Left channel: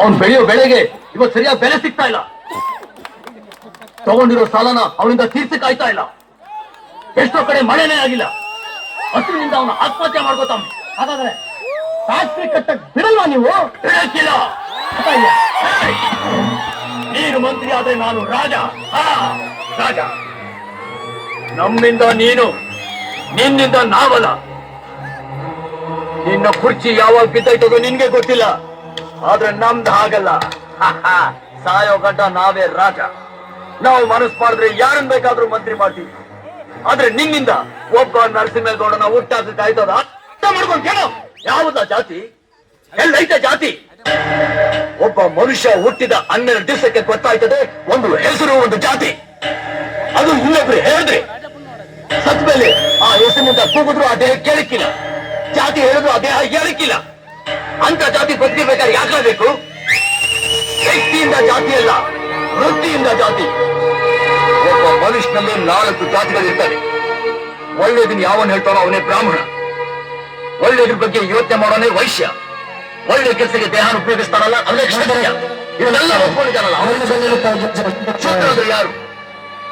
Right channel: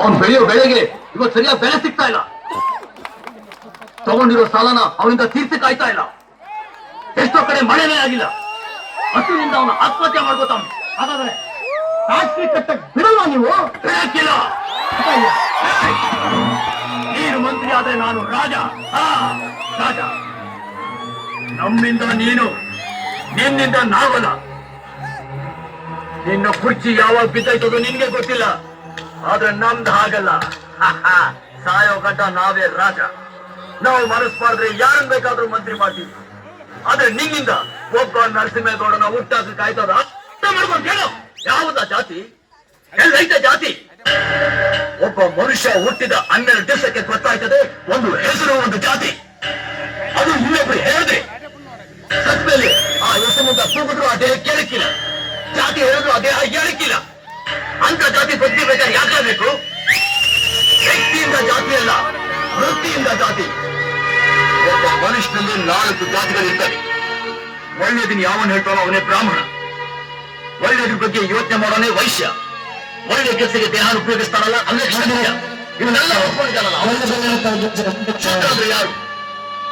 ಅವನು ಬೆಳೆಯೋ ಬೆಳೆಗೆ ಇವತ್ತು ಸರಿಯಾಗಿ ಬೆಲೆ ಸಿಗ್ತಾ ಇಲ್ಲ. ತಗೊಂಡಿರೋ ಸಾಲನ ಅವನಿಂದ ತೀರ್ಸಿ ಕಾಯ್ತಾ ಇಲ್ಲ. ಎಷ್ಟೋ ಕಡೆ ಮಳೆನೇ ಆಗಿಲ್ಲ. ಹಸುವಿನಿಂದ ಅವನು ಆತ್ಮಹತ್ಯೆ ಮಾಡ್ಕೋತಾನೆ. ಹಾಗಾದ್ರೆ ಫ್ಯಾಕ್ಟ್ರಿ ಕಟ್ಟಕ್ ಬಿಡಲ್ವಾ ನೀವು? ಬಿಡಕ್ಕಿಲ್ಲ. ನೀನು ಮಂತ್ರಿ ಆದ್ರೆ ನಾನು ರಾಜ. ರಾಜ. ನಮ್ಮಿಂದ ನೀನು, ನಿನ್ನಿಂದ ನಾವಲ್ಲ. ನಿನ್ನ ಕುರ್ಚಿ ಯಾವಾಗ ಬಿದ್ದಾಯ್ತದೋ ನಿನ್ಗೆ ಗೊತ್ತಿಲ್ಲ. ಆದ್ರೆ ನಮ್ದು ಹಾಗಲ್ಲ. ಸಾಯೋ ಗಂಟ ನಾವೇ ರಾಜ. ನಾವು ಮನಸ್ಸು ಮಾಡಿದ್ರೆ ಯಾರನ್ನ ಬೇಕಾದ್ರೂ ಮಂತ್ರಿ ಮಾಡ್ತೀವಿ. ಆದ್ರೆ ನಿನ್ನಿಂದ ಒಬ್ಬ ನರಸಿಂಹೇಗೌಡನ ಹುಟ್ಟಾಕ ಆಯ್ತದ? ಅರ್ಥ ಮಾಡ್ಕೊಂಡು ಹೇಳು. ಯಾವುದ ಜಾತಿ? ಎಲ್ಲೈತೆ ಜಾತಿ? ಒಬ್ಬ ಮನುಷ್ಯ ಹುಟ್ಟಿದ 12 ದಿವಸಕ್ಕೆ ಗೊತ್ತಾಯ್ತದೆ ಒಂದು ಹೆಸರು, ಒಂದು ಜಾತಿ. ಅದು ಇನ್ನೊಬ್ರು ಹೇಳಿದ್ರೆ ಸತ್ ಮೇಲೆ ಆ ಹೆಸರಿನಿಂದ ಕೂಗಿದ್ರು ಆ ದೇಹ ಕೇಳಕ್ಕಿಲ್ಲ. ಜಾತಿ ಹೇಳಿದ್ರು ಆ ದೇಹ ಹೇಳಕ್ಕಿಲ್ಲ. ಅಂತ ಜಾತಿ ಬದುಕಬೇಕಾದ್ರೆ ಯಾಕಾಗಬೇಕು? ವ್ಯಕ್ತಿಯಿಂದ ಜಾತಿ ಅಲ್ಲ, ವೃತ್ತಿಯಿಂದ ಜಾತಿ. ಒಬ್ಬ ಮನುಷ್ಯನಲ್ಲಿ 4 ಜಾತಿಗಳಿರ್ತವೆ. ಒಳ್ಳೆಯದನ್ನ ಯಾವನ್ ಹೇಳ್ತಾನೋ ಅವನೇ ಬ್ರಾಹ್ಮಣ. ಒಳ್ಳೆಯದ್ರ ಬಗ್ಗೆ ಯೋಚನೆ ಮಾಡೋನೇ ವೈಶ್ಯ. ಒಳ್ಳೆ ಕೆಲಸಕ್ಕೆ ದೇಹನ ಉಪಯೋಗಿಸ್ತಾನಲ್ಲ ಅವನೇ ಕ್ಷತ್ರಿಯ. ಇವನ್ನೆಲ್ಲ ಒಪ್ಕೊಂಡಿದ್ದಾನಲ್ಲ ಅವನೇ ಯಾರು?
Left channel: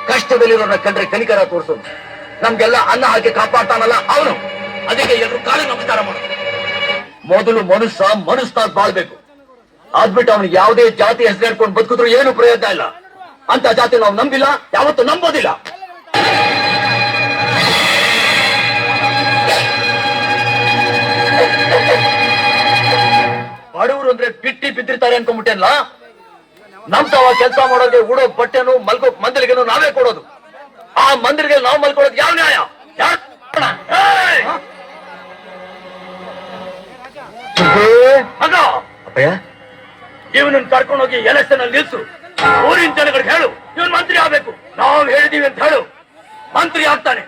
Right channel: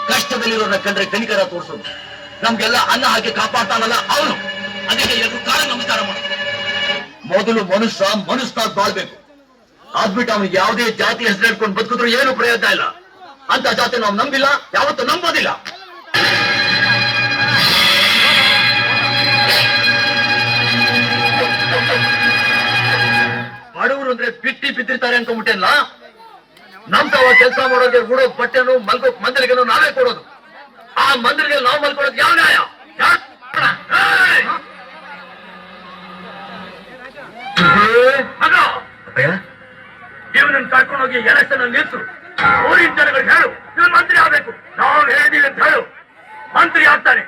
ಕಷ್ಟದಲ್ಲಿರೋನ್ನ ಕಂಡ್ರೆ ಕನಿಕರ ತೋರಿಸೋದು. ನಮ್ಗೆಲ್ಲ ಅನ್ನ ಹಾಕಿ ಕಾಪಾಡ್ತಾನಲ್ಲ ಅವನು. ಅದಕ್ಕೆ ಎಲ್ಲರೂ ಕಾಲ ನಮಸ್ಕಾರ ಮಾಡೋದು. ಮೊದಲು ಮನುಷ್ಯನಾಗಿ ಬಾಳ್ಬೇಕು. ಆದ್ಬಿಟ್ಟು ಅವನಿಗೆ ಯಾವುದೇ ಜಾತಿ ಹೆಸರು ಹೇಳ್ಕೊಂಡು ಬದುಕಿದ್ರು ಏನು ಪ್ರಯೋಜನ ಇಲ್ಲ. ಅಂತ ಜಾತಿ ನಾವು ನಂಬಿಲ್ಲ, ಯಾವತ್ತೂ ನಂಬೋದಿಲ್ಲ. ಬಡವರು ಅಂದ್ರೆ ಬಿಟ್ಟಿ ಬಿದ್ದಿರ್ತಾರೆ ಅನ್ಕೊಂಡ್ಬಿಟ್ಟೆಲ್ಲ. ನಮ್ ತಾವ ಕೆಲಸ ಮಾಡೋದೇ ಉಡೋ ಬಟ್ಟೆನು ಮಲ್ಗೋ ಮಂದಿರಿಗೆನು ನಾವೇ ಕೊಡೋದು. ಆ ಮಂದಿರಿಗೆ ನಾವು ಮಲ್ಕೊಡೋದು ಯಾವ ನ್ಯಾಯ? ಇವನನ್ನು ಕರ್ಕೊಂಡೋಗಿ ಎಲೆಕ್ಷನ್ ಅಲ್ಲಿ ನಿಲ್ಸು. ಊರಿನ ಜನಗಳಿಗೆ ಹೇಳು ಇವನ್ ಮಂತ್ರಿ ಆಗ್ಬೇಕು. ನಾವು ಹೇಳಿದೀವಿ ಅಂತ ಹೇಳು. ಮಂತ್ರಿ ಆಗ್ತಾನೆ.